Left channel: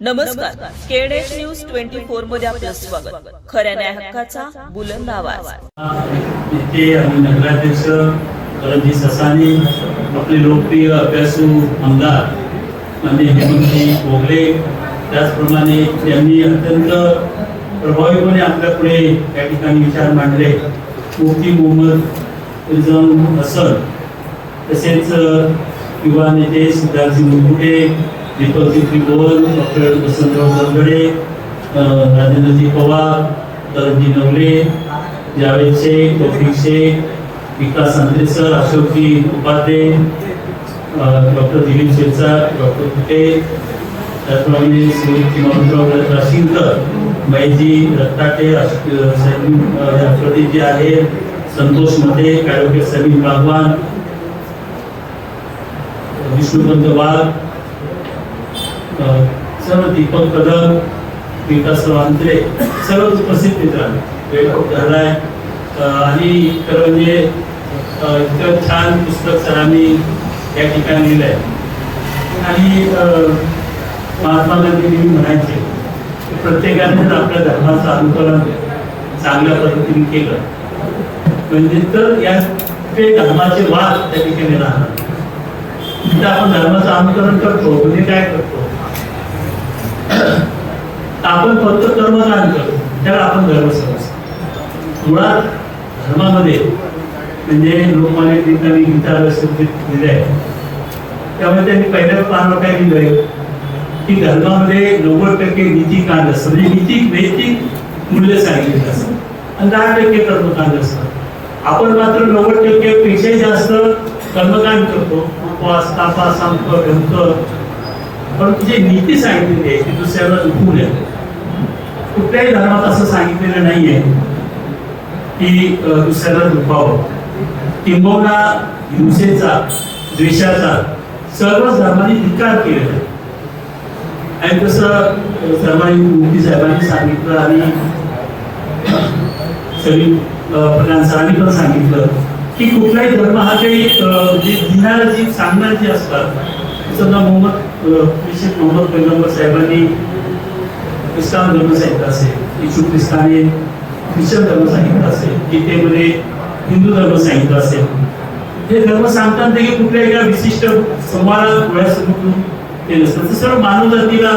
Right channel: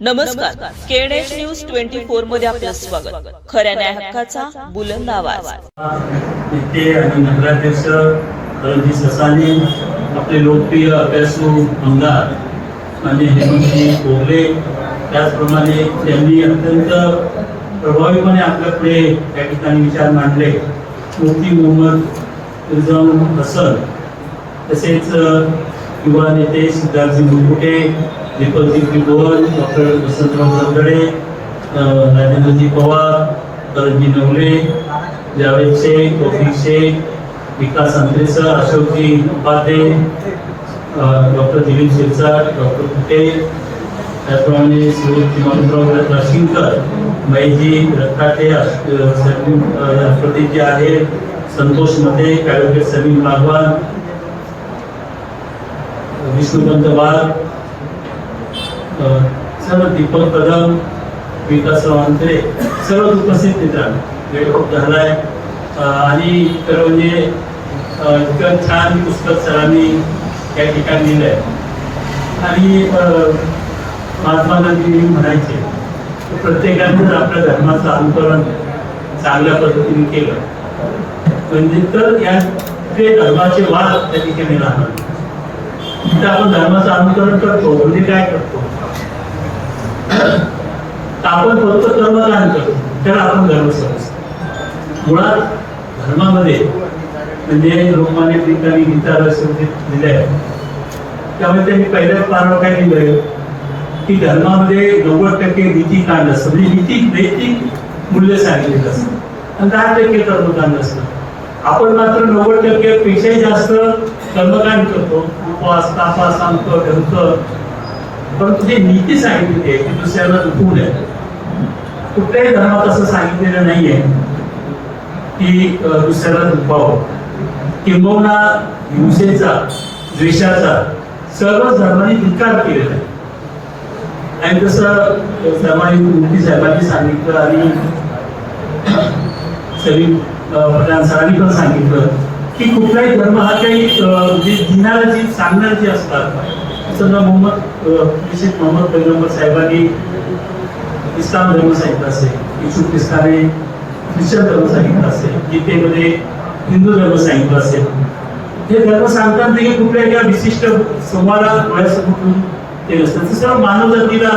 नमस्कार, केडेश न्यूज 24 मध्ये आपलं स्वागत. खऱ्या न्याय हक्काचा बुलंद आवाज. इथे आणि नगराध्यक्ष रणजित ससाने, आपले लोकप्रिय अभ्यासू आमदार म्हणजे हेमंतजी भोगले, त्याचप्रमाणे त्यांनी अत्यंत प्रभावीपणे आपल्यापुढे या ठिकाणी विचार मांडले. मुफ्ती मोहम्मद रिजवान हसन, तसेच युवा नेते सिद्धार्थजी मुकुटे, दीपकजी त्रिभुवन, डॉक्टर वसंतराव तोरडे, राजेंद्रजी पवार, करणजी नवले, जावेद शेख, तौफिक शेख, विकास अंत्रेसर, अशोकजी उपाध्ये, डॉक्टर दिलीप शिरसाट, डॉक्टर कुटे, त्याचप्रमाणे श्री राशिंकर, महेशजी रत्ताटे, राष्ट्रपतीजी आहेत, संतोष मते, ॲडव्होकेट सलीम बागवान, विष्णुकांत वाघ, सर्व दीपक कदम, विकासराव अंतरे, सर्व उपस्थित मित्र वेळ खूप झालाय. आणि खरं म्हणजे इतकं छान पुस्तक सरांनी या ठिकाणी लिहिलंय. आणि महात्मा गांधी म्हणायचे प्रत्येकानेच आपल्या धर्माचं अनुकरण चांगल्या पद्धतीने केलं म्हणजे तर या धर्माचे वाद त्या ठिकाणी राहणार. म्हणजे आपण धर्माचं अनुकरण करतो म्हणजे काय करतो, आपण फक्त कर्मकांड करतो, त्याला आपण धर्म समजतो. मुळात धर्मामध्ये म्हणजे लोकमान्य टिळकांनी गीता दिले आहे, त्यामुळे त्यांनी पहिल्या पानावर काय दिलंय की धर्मामध्ये 90% नीतिकांड असतं, म्हणजे नैतिक मूल्य सांगितलेलं असतं आणि 10% कर्मकांड असतं. आपण मात्र 90% पेक्षाही जास्त कर्मकांड करतो, उपवास, तापा, संत, ढमक, परंतु जे नीती सांगितलेली आहे ती दुसऱ्याला दुखवू नये. कुठल्याही धर्मात असं सांगितलेलं नाहीये की दुसऱ्याला दुखावं. किंबहुना हिंसेचा, द्वेषाचा सर्वच धर्माने धिक्कार केलेला आहे. आणि तसं मुफ्ती साहेबांनी सांगितलं आणि सलीम प्रधान सरांनी पण सांगितलं की कुठलाही धर्म हा काही जे दिनारा सांगणार जी असतात, मोहम्मद पैगंबर साहेबांनी इस्लाम धर्म सांगितला असेल, येशू ख्रिस्ताने ख्रिश्चन धर्म सांगितला असेल, गीतेमध्ये हिंदू धर्म सांगितला असेल. हे धर्म सांगतात की कुठल्या एका विशिष्ट संवादात डोळ्यासमोरून केलं असतं. सर्व मानव जातीला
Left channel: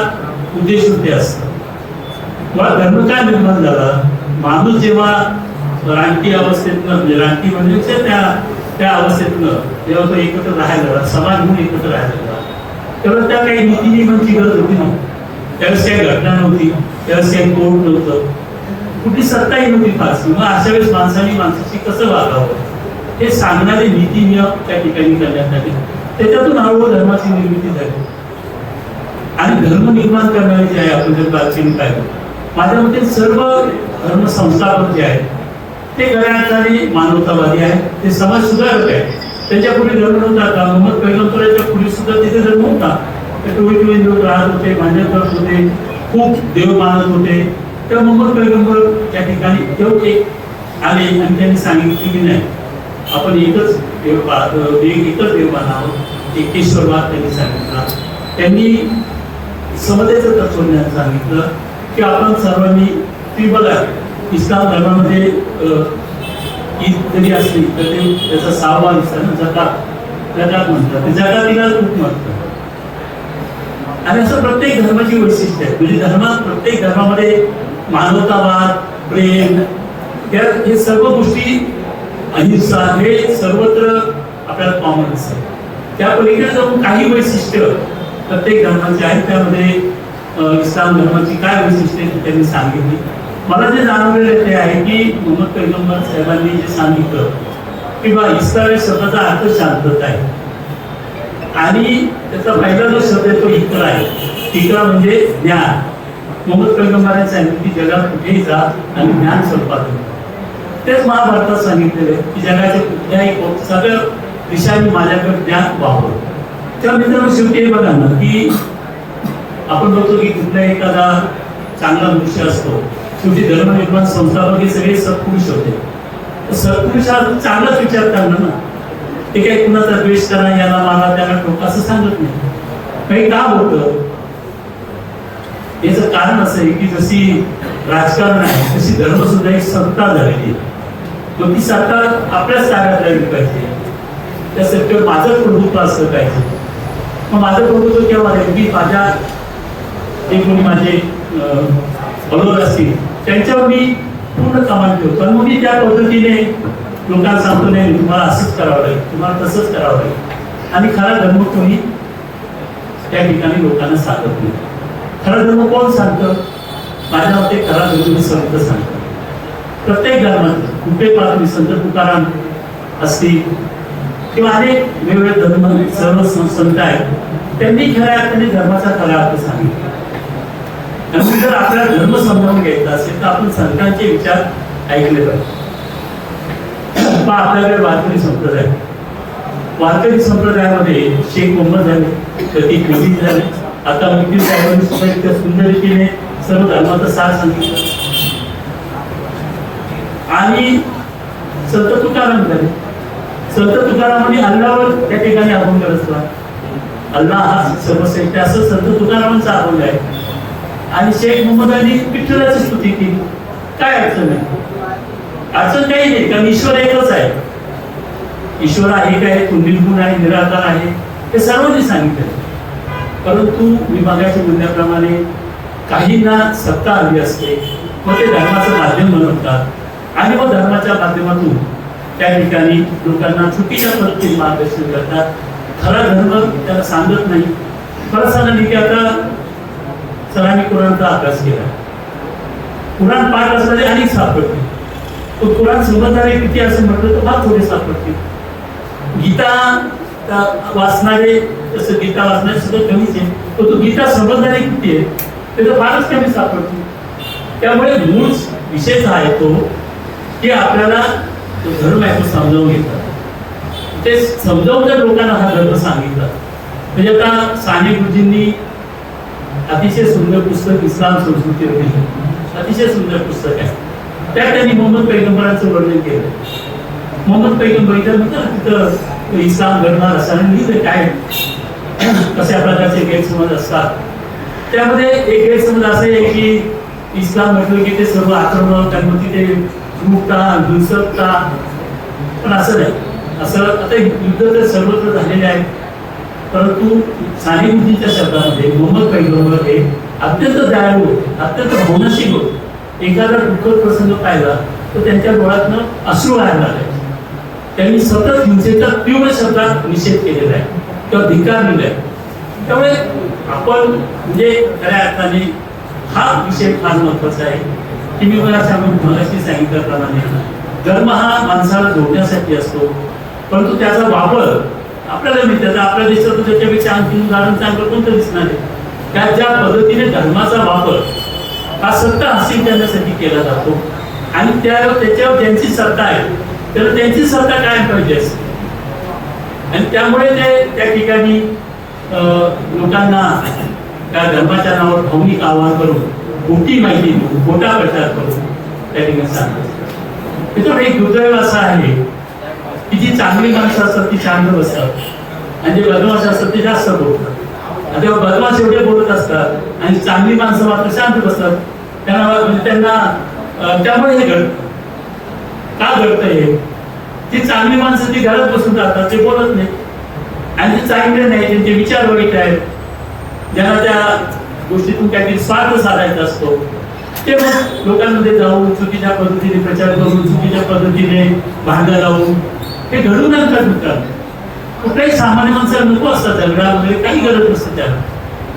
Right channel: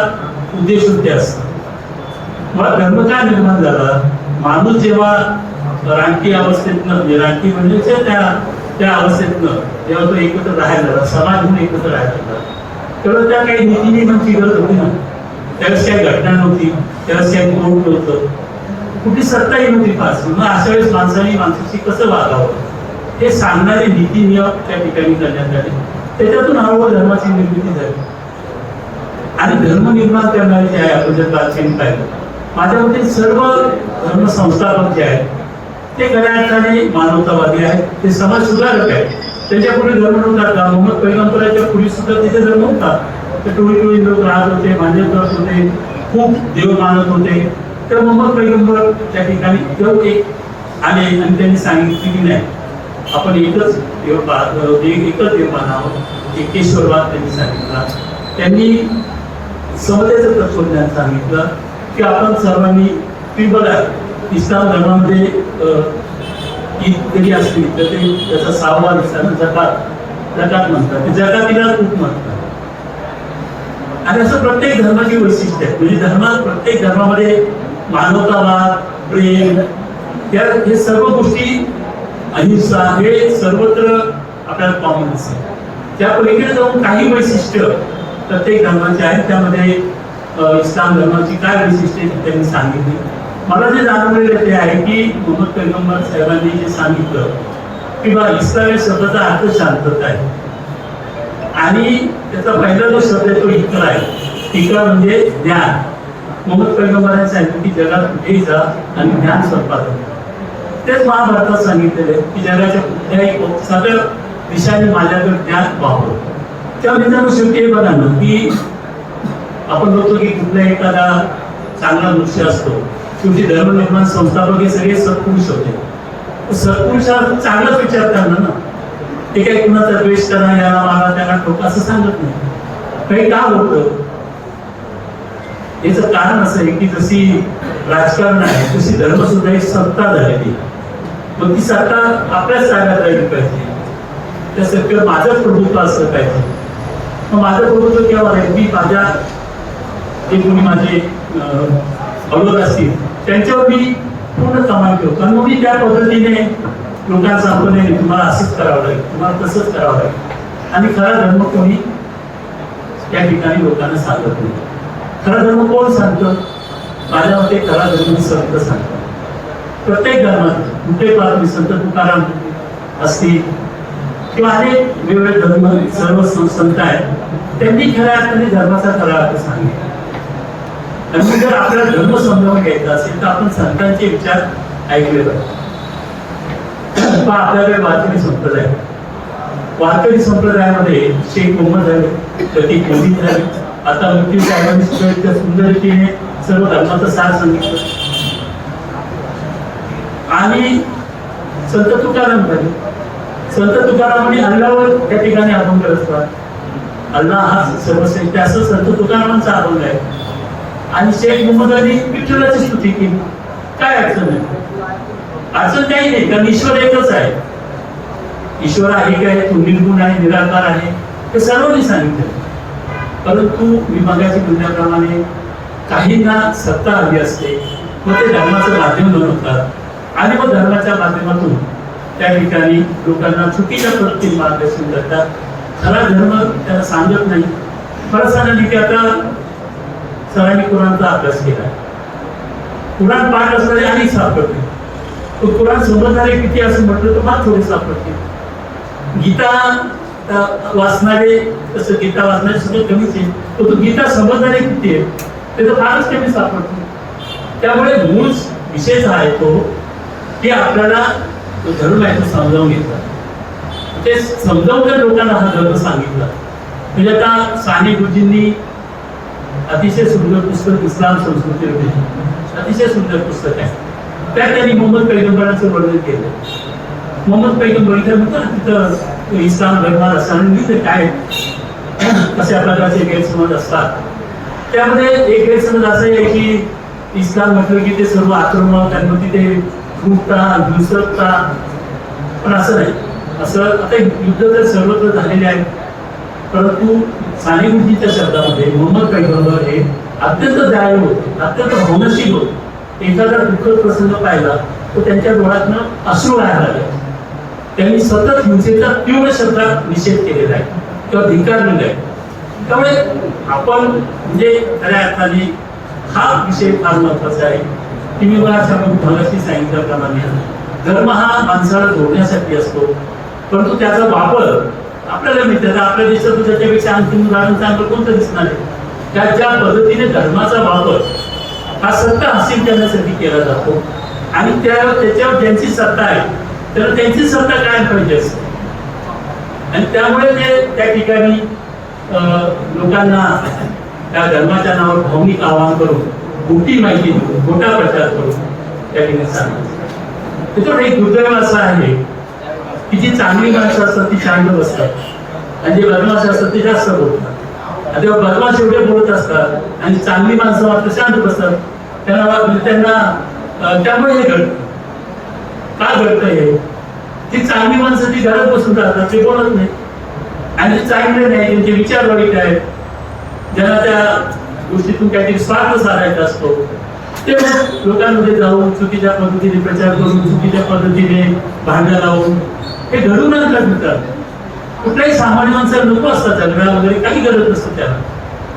उद्देश होते असतात. मला धर्म काय निर्माण झाला, माणूस जेव्हा रानटी अवस्थेतनं म्हणजे रानटी म्हणजे त्या अवस्थेतनं जेव्हा तो एकत्र राहायला, समाज म्हणून एकत्र राहायला, तेव्हा त्या काही नीती नियमांची गरज होती ना. त्यावेळेस काही घटना नव्हती, त्यावेळेस काही कोर्ट नव्हतं, कुठली सत्ताही नव्हती फास. मग अशा वेळेस माणसाने माणसाशी कसं वागावं हे सांगणारे नीती नियम त्या ठिकाणी करण्यात आले. त्याच्यातून हळूहळू धर्माची निर्मिती झाली. आणि धर्म निर्माण करणारे जे आहे आपण जर प्राचीन पाहिलं, माझ्या मते सर्व धर्म संस्थापक जे आहेत ते खऱ्या अर्थाने मानवतावादी आहेत, ते समाज सुधारक आहेत. त्यांच्या पुढे धर्म नव्हता. मोहम्मद पैगंबराच्या पुढे सुद्धा तिथे धर्म होता. ते टोळी लोक राहत होते, मान्य करत होते, खूप देव मानत होते. तर मोहम्मद पैगंबर त्या ठिकाणी जेव्हा एक आले आणि त्यांनी सांगितले की नाही आपण एकच देव मानावं, एकेश्वरवाद त्यांनी सांगितला. त्यांनी समतेचं तत्वज्ञान सांगितलं की आपण सर्वांनी ती बघा इस्लाम धर्मामध्ये ईद जरी असली तर ते त्याचा 6वा दिवसा जकात म्हणतात, ते जकातीला खूप म्हणतात. आणि असं प्रत्येक धर्माची वैशिष्ट्य आहे. म्हणजे धर्मात प्रत्येक धर्मामध्ये मानवतावाद, प्रेम, हे सर्व गोष्टी, अहिंसा हे सर्वत्र आपल्याला कॉमन असतात. त्या पलीकडे जाऊन काही वैशिष्ट्य प्रत्येक धर्माचे आहेत. त्यामध्ये इस्लाम धर्माची काय वैशिष्ट्य त्यांनी सांगितली. मला जे जाणवलेलं ते आहे की मोहम्मद पैगंबर साहेबांनी जे सांगितलं की बा इस्लाम या शब्दाचा अर्थ शांतता आहे. आणि त्याचा पहिला जो शब्द आहे तो इकरा आहे. इकरा म्हणजे ज्ञान. मोहम्मद पैगंबरांनी सांगितलं की जगात कुठेही जा आणि ज्ञान संपादन. तेच महाभारतात सांगितलेले की जगाच्या कुठल्याही सगळ्या दिशांनी माझ्याकडे ज्ञान व्हावं. त्या मित्रांनो शेवटी बघा ना की आपण बघतो की कुठला एखादा चांगला मनुष्य असतो, शेवटी धर्मनिर्माण संस्थापक हे सगळे सत्पुरुष होते. सत्पुरुषाचा चांगलाच विचार करणं ना, ते काही कुणाचा द्वेष करा, याला मागा, त्याला ठोका असं सांगत नाही. काही का होतं याचं कारण असं आहे की जशी राजकारण आहे तशी धर्म सुद्धा एक सत्ता झालेली आहे. मग ती सत्ता आपल्याच ताब्यात राहिली पाहिजे, त्या सत्तेवर माझं प्रभुत्व असलं पाहिजे. मग माझं प्रभुत्व केव्हा आहे? मी माझ्या जे कोणी माझे अवरोध असतील त्यांच्यावर मी पूर्ण कमाल ठेवतो आणि मग मी त्या पद्धतीने लोकांना सांगतो नाही तुम्हाला असंच करावं लागेल, तुम्हाला तसंच करावं लागेल. आणि खरा धर्म कोणी त्या ठिकाणी लोकांना सांगत नाही. खरा धर्म कोण सांगतं? माझ्या मते खरा धर्म संत सांगतो. प्रत्येक धर्मात कुठे पाहतो संत तुकाराम असतील किंवा अनेक वेगवेगळे धर्म सर्व संत आहेत, त्यांनी खऱ्या अर्थाने धर्माचा खरा अर्थ सांगितला. आणि मग जर आपल्याला धर्म समजावून घ्यायचा असेल तर आपण संतांचे विचार ऐकले पाहिजे. आपल्याकडे वारकरी संप्रदाय, वारकरी संप्रदायामध्ये शेख मोहम्मद झाले, कधी योजित झाले, आता वकील साहेबांनी सुद्धा इतक्या सुंदर रीतीने सर्व धर्माचा सार सांगितलं. आणि संत तुकाराम झाले. संत तुकारामांनी अल्लावर त्या ठिकाणी अभंग रचला. अल्लाह हा सर्वश्रेष्ठ असं संत तुकारामांचा अभंग आहे. आणि शेख मोहम्मदांनी विठ्ठलाची स्तुती केली. काय अडचण आहे? अडचण काही नाही, कारण ईश्वर एकच आहे. ईश्वर आहे काय, तो निर्गुण आहे, निराकार आहे, हे सर्वांनी सांगितलं. परंतु मी मागायच्या म्हणण्याप्रमाणे काहींना सत्ता हवी असते, मग ते धर्माचं माध्यम बनवतात आणि मग धर्माच्या माध्यमातून त्या ठिकाणी लोकांना चुकीच्या पद्धतीने मार्गदर्शन करतात. खरा धर्म त्याला सांगत नाही. खरं सांगा की आता सरांनी कुराणचा अभ्यास केला, कुराण पाठ असणारे अनेक सापडते. तो कुराण समजणारे किती असं म्हटलं तर फार थोडे सापडते. गीता वाचणारे तसं गीता वाचणारे सुद्धा कमीच आहे, तो गीता समजणारे किती आहे ते तर फारच कमी सापडतो. त्यामुळे मूळ विषय जो आहे तो की आपल्याला तो धर्म आहे तो समजावून घेतला. ते समजावून जर लोकांना हा धर्म सांगितला म्हणजे आता साने गुरुजींनी अतिशय सुंदर पुस्तक इस्लाम संस्कृती लिहिलं, अतिशय सुंदर पुस्तक आहे. त्यात त्यांनी मोहम्मद पैगंबरांचं वर्णन केलं. मोहम्मद पैगंबरांचं तिथं इस्लाम धर्मात असताना लिहिलं काय कशा प्रकारचे गैरसमज असतात. त्यामध्ये एक गैरसमज असं आहे की इस्लाम म्हटलं की ते सर्व आक्रमण त्यांना तिथे लुटता हिंसकता, पण असं नाही. असं आता युद्ध तर सर्वत्र झालेले आहे, परंतु साने गुरुजींच्या शब्दामध्ये मोहम्मद पैगंबर हे अत्यंत दयाळू होते, अत्यंत भावनाशील होते. एखादा दुःखद प्रसंग पाहिला तर त्यांच्या डोळ्यातनं अश्रू वाहायला लागले. त्यांनी सतत हिंसेचा तीव्र शब्दात निषेध केलेला आहे किंवा धिक्कार दिलाय. त्यामुळे आपण म्हणजे खऱ्या अर्थाने हा विषय फार महत्वाचा आहे की मी मगाशी सांगितल्याप्रमाणे धर्म हा माणसाला जोडण्यासाठी असतो, परंतु त्याचा वापर आपल्याला मिळतात. आपल्या देशात त्याच्यापेक्षा आणखी उदाहरण चांगलं कोणतं दिसणार आहे? त्या ज्या पद्धतीने धर्माचा वापर हा सत्ता हासिल करण्यासाठी केला जातो आणि त्याच्यावर ज्यांची सत्ता आहे तर त्यांची सत्ता काय पाहिजे असते. आणि त्यामुळे ते त्या ठिकाणी लोकांना त्या धर्माच्या नावावर भावनिक आवाहन करून खोटी माहिती देऊन खोटा प्रचार करून त्या ठिकाणी सांगतात. तिथं एक दुर्दैव असं आहे की जी चांगली माणसं असतात ती शांत बसतात आणि जे बदमाश असतात ते जास्त बोलतात. आणि तेव्हा बदमाश एवढे बोलत असतात आणि चांगली माणसं मात्र शांत बसतात. त्यांना त्यामुळे हे घडतं. का घडतं हे? ती चांगली माणसं ती घरात बसून राहतात, ते बोलत नाही. आणि जे चांगले नाही त्यांचे विचार वाईट आहेत, ज्यांना त्या गोष्टीतून काहीतरी स्वार्थ साधायचा असतो ते लोकांमध्ये जाऊन चुकीच्या पद्धतीने प्रचार करून चुकीच्या पद्धतीने भांडण लावून हे घडून आणतात. मित्रांनो, कुठल्याही सामान्य माणसाला नको असतात झगडा वगैरे काही गरज नसतं. त्या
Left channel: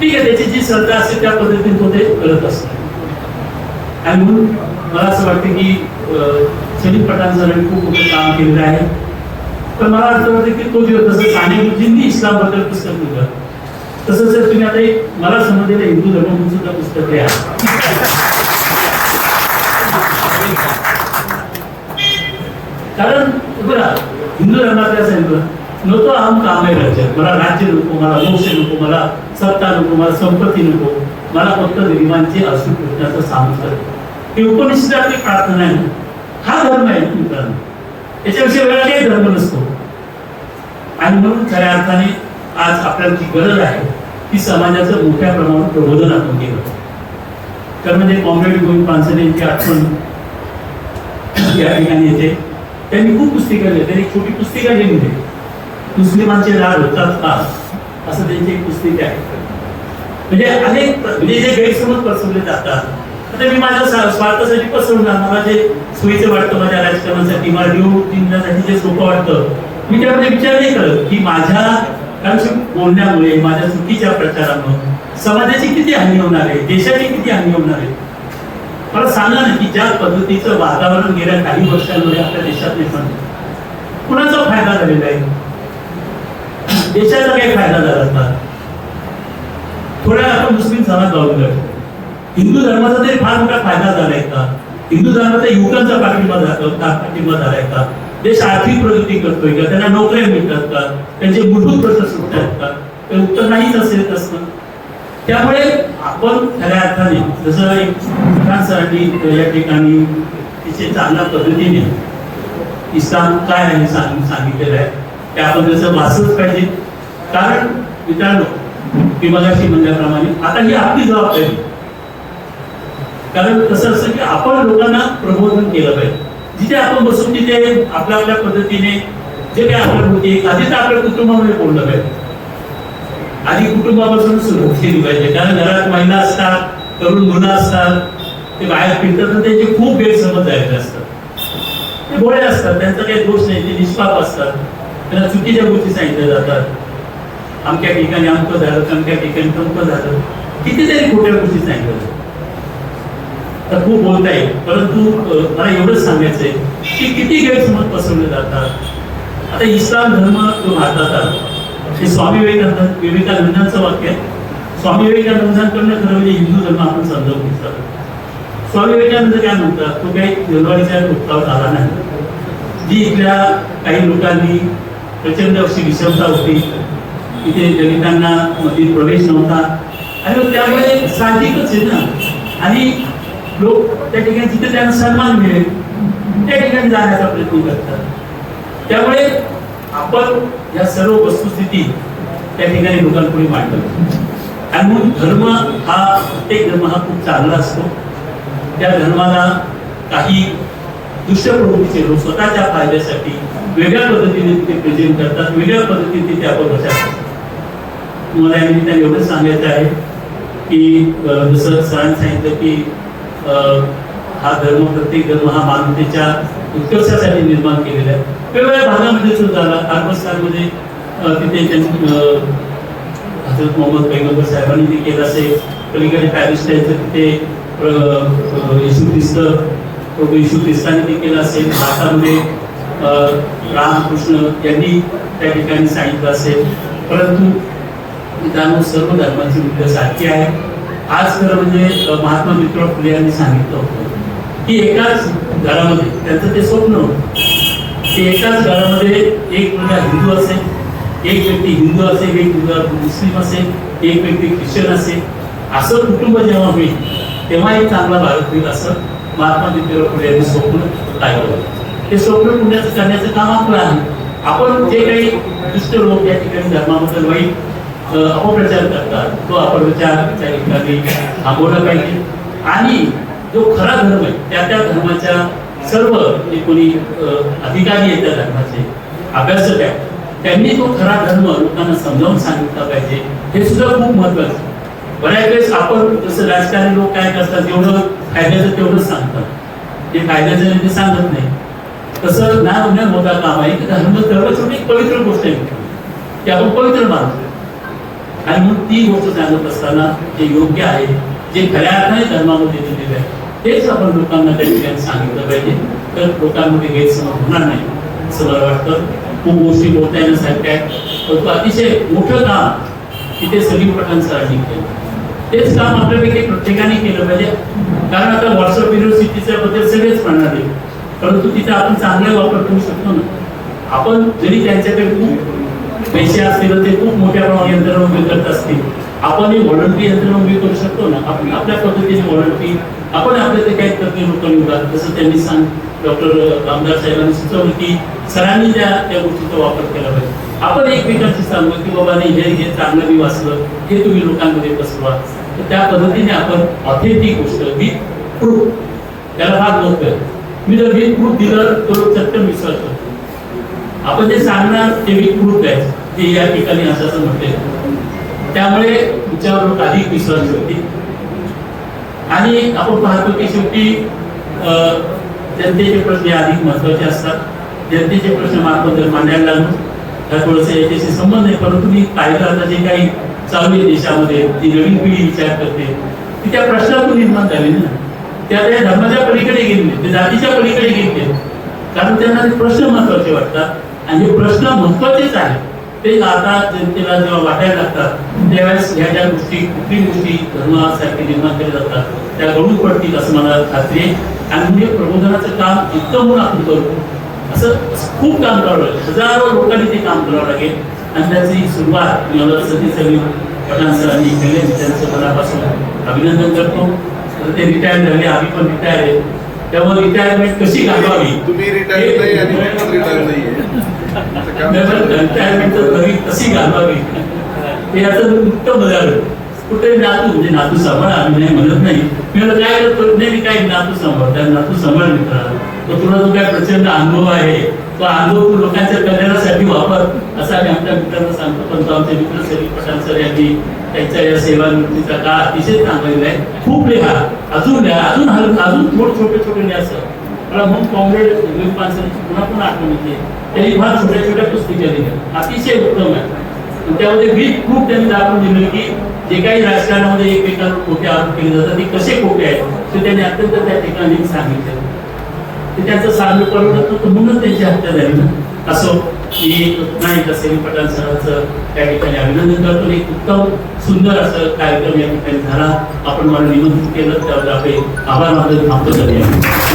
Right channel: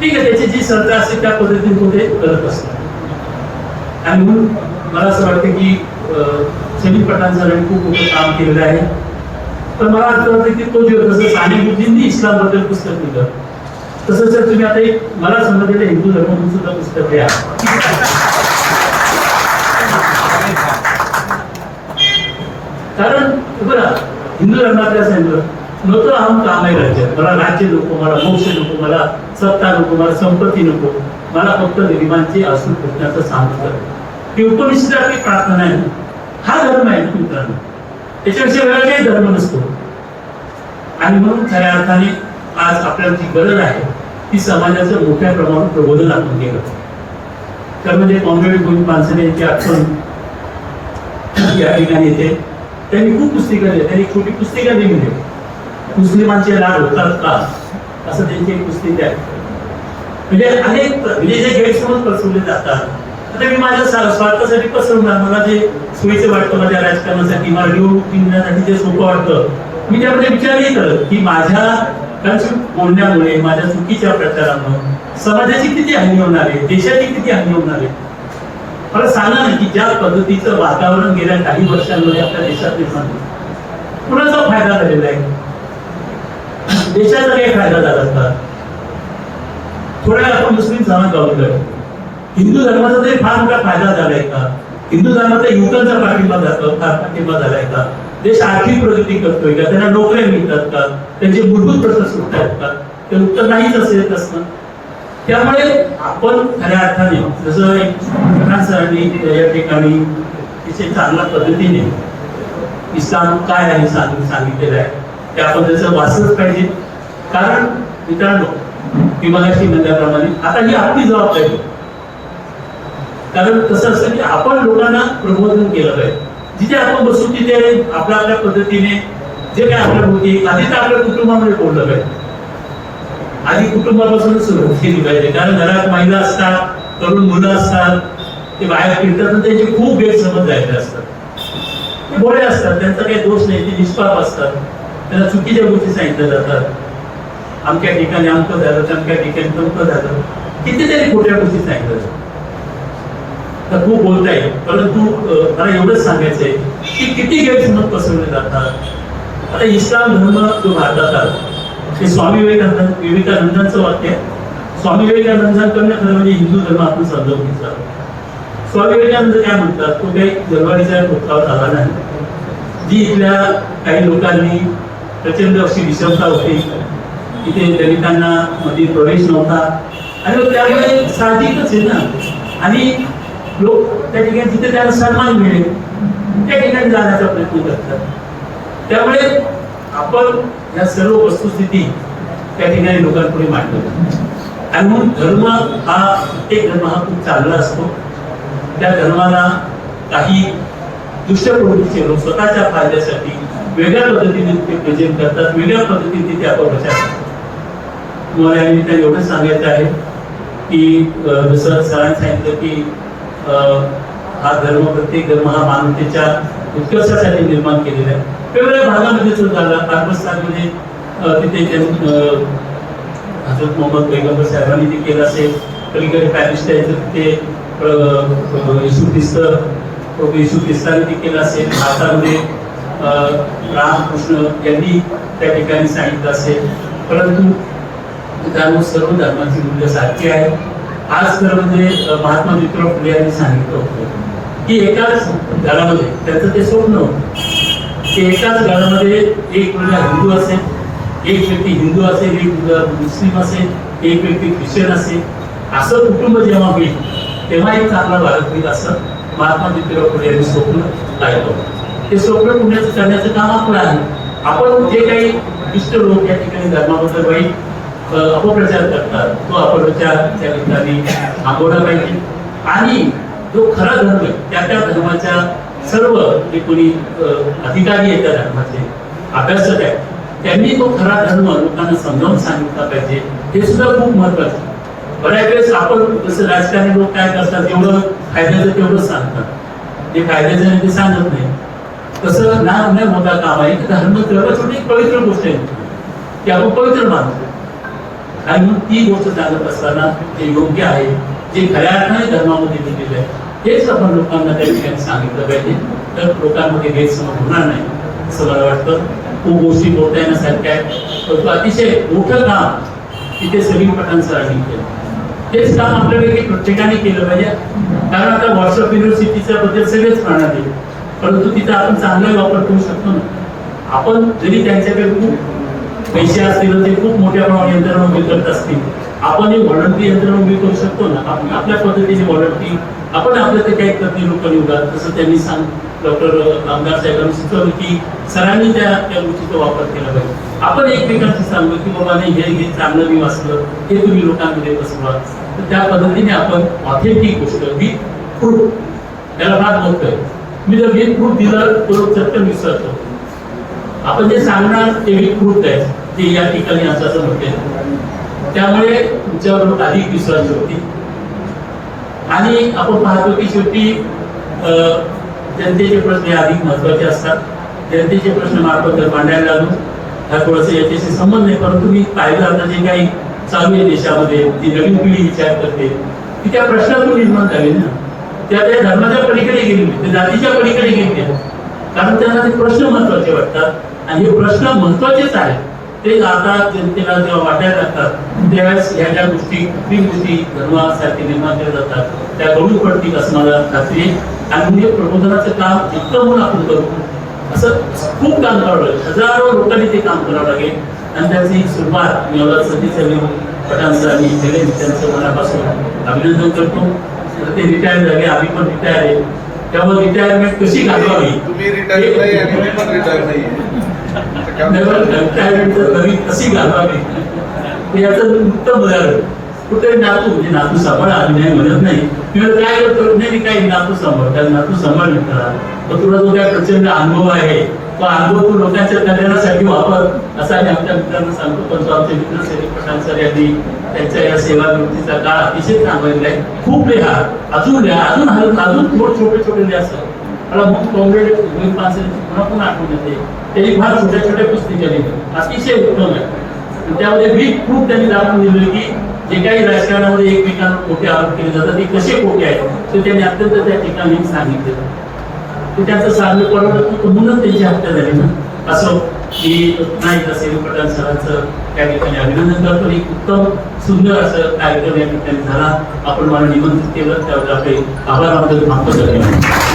ठीक आहे, त्याची जी सत्ता असते त्या पद्धतीने तो ते करत असतो. आणि म्हणून मला असं वाटतं की सलीम पठाण सरांनी खूप मोठं काम केलेलं आहे. पण मला असं वाटतं की तो दिवस जसं साने गुरुजींनी इस्लाम बद्दल पुस्तक लिहिलं तसं जर तुम्ही आता एक मला समजलेलं हिंदू धर्म सुद्धा पुस्तक लिहा. कारण बघा हिंदू धर्मात काय सांगितलं नको अहम काम आहे राज्यात. मला राज्य नको, मला मोक्ष नको, मला सत्ता नको, मला संपत्ती नको, मला फक्त गरिबांचे अश्रू पुसण्याचं सामर्थ्य. ही उपनिषद आपली प्रार्थना आहे. हा धर्म आहे मित्रांनो, याच्याविषयी वेगळा काही धर्म नसतो. आणि म्हणून खऱ्या अर्थाने आज आपल्याला जी गरज आहे ती समाजाचं मोठ्या प्रमाणात प्रबोधन आपण केलं. तर म्हणजे कॉम्रेड गोविंद पानसरे यांची आठवण या ठिकाणी येते. त्यांनी खूप पुस्तिका लिहिली. त्यांनी एक छोटी पुस्तिका लिहिली आहे, मुस्लिमांचे राग होतात का, असं त्यांची एक पुस्तिका आहे. म्हणजे अनेक म्हणजे जे गैरसमज पसरवले जातात. आता मी माझ्या स्वार्थासाठी पसरवणार, मला जे सोयीचं वाटतं माझ्या राजकारणासाठी, मला निवडणुकीसाठी जे सोपं वाटतं, मी त्यामध्ये विचार नाही करत की माझ्या बोलण्यामुळे, माझ्या चुकीच्या प्रचारामुळे समाजाची किती हानी होणार आहे, देशाची किती हानी होणार आहे. मला सांगा ना की ज्या पद्धतीचं वातावरण गेल्या काही वर्षांमध्ये आपल्या देशात निर्माण झालं, कुणाचा फायदा झालेला आहे, देशाचा काही फायदा झाला का? थोड्या आपण मुस्लिम समाज बाजूला, हिंदू धर्माचा तरी फार मोठा फायदा झालाय का? हिंदू धर्माचा युवकांचा पाठिंबा झालाय का? देश आर्थिक प्रगती करतोय का? त्यांना नोकऱ्या मिळतात का? त्यांचे मूलभूत प्रश्न सुटतात का? ते उत्तर नाहीच असेल असतं. त्यामुळे आपण खऱ्या अर्थाने जसं एक फरहान सरांनी या ठिकाणी तिथे चांगल्या पद्धतीने इस्लाम काय आहे सांगितलेलं आहे, ते आपण त्याचं वाचलंच पाहिजे. कारण मित्रांनो, मी मगाशी म्हणल्याप्रमाणे आता ही आपली जबाबदारी. कारण कसं असतं की आपण लोकांना प्रबोधन केलं पाहिजे. जिथे आपण बसून तिथे आपल्या आपल्या पद्धतीने जे काही आपल्या होती, आधी तर आपल्या कुटुंबामध्ये बोललं पाहिजे. आधी कुटुंबापासून सुरुवात केली पाहिजे. कारण घरात महिला असतात, तरुण मुलं असतात, ते बाहेर फिरतात, त्यांचे खूप गैरसमज जायचे असतात. ते भोळे असतात, त्यांचा काही दोष नाही, ते निष्पाप असतात, त्यांना चुकीच्या गोष्टी सांगितल्या जातात. आमच्या ठिकाणी अमकं झालं, आमच्या ठिकाणी पंत झालं, कितीतरी खोट्या गोष्टी सांगितल्या जातात. तर खूप बोलता येईल, परंतु मला एवढंच सांगायचंय की किती गैरसमज पसरवले जातात. आता इस्लाम धर्म जो भारतात आला, हे स्वामी विवेकानंदांचं वाक्य आहे. स्वामी विवेकानंदांकडनं खरं म्हणजे हिंदू धर्म आपण समजावून घेतला. स्वामी विवेकानंद काय म्हणतात, तो काही जलवारीच्या दुःखावर आला नाही. जी इथल्या काही लोकांनी प्रचंड अशी विषमता होती, तिथे दलितांना मध्ये प्रवेश नव्हता, आणि त्यामुळे साहजिकच आहे ना, आणि लोक त्या ठिकाणी जिथे त्यांना सन्मान मिळेल त्या ठिकाणी जाण्याचा प्रयत्न करतात. त्यामुळे आपण या सर्व वस्तुस्थिती त्या ठिकाणी लोकांपुढे मांडतो. आणि म्हणून धर्म हा, प्रत्येक धर्म हा खूप चांगला असतो. त्या धर्माला काही दुष्ट प्रवृत्तीचे लोक स्वतःच्या फायद्यासाठी वेगळ्या पद्धतीने ते प्रेझेंट करतात, वेगळ्या पद्धतीने ते आपण बचाव करतात. मला या निमित्ताने एवढंच सांगायचं आहे की जसं सरांनी सांगितलं की हा धर्म, प्रत्येक धर्म हा मानवतेच्या उत्कर्षासाठी निर्माण केलेला आहे. वेगवेगळ्या भागामध्ये सुद्धा झाला. अरबस्तानमध्ये तिथे हजरत मोहम्मद पैगंबर साहेबांनी ते केलं असेल. पलीकडे पॅलेस्टाईनचं तिथे येशू ख्रिस्तांनी ते केलं असेल. भारतामध्ये रामकृष्ण यांनी त्या ठिकाणी सांगितलं असेल. परंतु त्यामुळे सर्व धर्माची मूल्य सारखी आहे. आज खरं म्हणजे महात्मा ज्योतिराव फुले यांनी सांगितलं होतं की एकाच घरामध्ये त्यांचं ते स्वप्न होतं की एकाच घरामध्ये एक मुलगा हिंदू असेल, एक व्यक्ती हिंदू असेल, एक मुलगा मुस्लिम असेल, एक व्यक्ती ख्रिश्चन असेल. असं कुटुंब जेव्हा होईल तेव्हा एक चांगला भारत होईल, असं महात्मा ज्योतिराव फुले यांनी स्वप्न पाहिलं होतं. ते स्वप्न करण्याचं काम आपलं आहे. आपण जे काही दुष्ट लोक या ठिकाणी धर्माबद्दल वाईट अपप्रचार करतात, तो अपप्रचार त्या ठिकाणी थांबवला पाहिजे. आणि जो खरा धर्म आहे त्या धर्माच्या सर्व जे कोणी अधिकारी आहेत त्या धर्माचे, अभ्यासक आहेत, त्यांनी तो खरा धर्म लोकांना समजावून सांगितला पाहिजे. हे सुद्धा खूप महत्वाचं. बऱ्याच वेळेस आपण जसं राजकारणी लोक काय करतात, जेवढं फायद्याचं तेवढंच सांगतात, जे फायद्याचं नाही ते सांगत नाही. तसं ना मोठा काम आहे की धर्म सर्व एक पवित्र गोष्ट आहे की आपण पवित्र मानतो. आणि मग ती गोष्ट सांगत असताना जे योग्य आहे, जे खऱ्या अर्थाने धर्मामध्ये दिलेलं आहे, तेच आपण लोकांना त्या ठिकाणी सांगितलं पाहिजे. तर लोकांमध्ये गैरसमज होणार नाही असं मला वाटतं. खूप गोष्टी बोलता येण्यासारख्या आहेत. अतिशय मोठं काम तिथे सगळी पठाणसरांनी केलं. तेच काम आपल्यापैकी प्रत्येकाने केलं पाहिजे. कारण आता व्हॉट्सअप युनिव्हर्सिटीच्या बद्दल सगळेच म्हणणार, परंतु तिचा आपण चांगला वापर करू शकतो ना. आपण जरी त्यांच्याकडे खूप पैसे असतील, ते खूप मोठ्या प्रमाणात यंत्रणा उभी करत असतील, आपण ही व्हॉलंटरी यंत्रणा उभी करू शकतो ना. आपण आपल्या पद्धतीने व्हॉलंटरी आपण आपल्या ते काही तज्ञ लोक निवडा. तसं त्यांनी डॉक्टर आमदार साहेबांनी सुचवलं की सरांनी त्या गोष्टीचा वापर केला पाहिजे. आपण एकमेकांशी सांगू की बाबा नाही, हे चांगलं मी वाचलं, हे तुम्ही लोकांमध्ये पसरवा. तर त्या पद्धतीने आपण ऑथेंटिक गोष्ट विथ प्रूफ, त्याला फार महत्व आहे. मी जर विथ प्रूफ दिलं तर चटकन विश्वास करतो. आपण जे सांगणार ते विथ प्रूफ आहे, ते या ठिकाणी असं म्हणते, त्यामुळे तुमच्यावर अधिक विश्वास ठेवते. आणि आपण पाहतो की शेवटी जनतेचे प्रश्न हे अधिक महत्वाचे असतात. जनतेचे प्रश्न मार्फत जर मांडायला लागलो हा थोडंसं याच्याशी संबंध आहे, परंतु मी पाहिलं आता जे काही चालू आहे देशामध्ये, जी नवीन पिढी विचार करते ती त्या प्रश्नातून निर्माण झाली ना, त्या धर्माच्या पलीकडे गेले, ते जातीच्या पलीकडे गेले, कारण त्यांना ते प्रश्न महत्वाचे वाटतात आणि हे प्रश्न महत्वाचेच आहेत. ते आता जनतेला जेव्हा वाटायला लागतात त्यावेळेस ह्या ज्या गोष्टी कुठली गोष्टी धर्मासारखे निर्माण केल्या जातात त्या घडून पडतील असं मला खात्री आहे. आणि म्हणजे प्रबोधनाचं काम इतकं म्हणून आपण करू, असं खूप काम करावं लागेल, हजारो लोकांनी ते काम करावं लागेल. आणि त्याची सुरुवात मला सतीश पठाण सरांनी केले, त्यांचं मनापासून अभिनंदन करतो. ते रिटायर झाले, आम्ही पण रिटायर आहे, त्यामुळे रिटायरमेंट कशी घालवावी, तुम्ही रिटायर नाही आणि मी पण रिटायर नाही. रिटायरमेंट घरी कशी घालवावी ते याचं उत्तम उदाहरण. कुठे नातू म्हणजे नातू सांभाळ, आम्ही नाही म्हणत नाही, मी काय करतो नाही काही नातू सांभाळ, त्या नातू सांभाळ मिळणार, तर तुला जो काय प्रचंड अनुभव आहे तो अनुभव तू लोकांच्या कल्याणासाठी वापर, असा आम्ही आमच्या मित्रांना सांगतो. पण तो आमचे मित्र सतीश पठाण सर यांनी त्यांच्या या सेवानिवृत्तीचा काळ अतिशय चांगला आहे. खूप लिहा, अजून लिहा, अजून छोटे छोटे लिहा. असं मला म्हणून कॉम्रेड पानसरेंची पुन्हा पुन्हा आठवण येते. त्यांनी फार छोट्या पुस्तके लिहिली, अतिशय उत्तम आहे. त्यामध्ये विथ प्रूफ त्यांनी दाखवून दिलं की जे काही राजकारणामध्ये एकमेकांवर खोटे आरोप केले जातात ते कसे खोटे आहेत ते त्यांनी अत्यंत त्या ठिकाणी सांगितले. ते त्यांचं साधं परवडत नव्हतं म्हणून त्यांची हत्या झाली ना. असं की नाही तसे पठाण सरांचं त्या ठिकाणी अभिनंदन करतो. एक उत्तम सुंदर असं कार्यक्रम या ठिकाणी झाला. आपण मला निमंत्रित केलं त्यावर आपले आभार मानतो.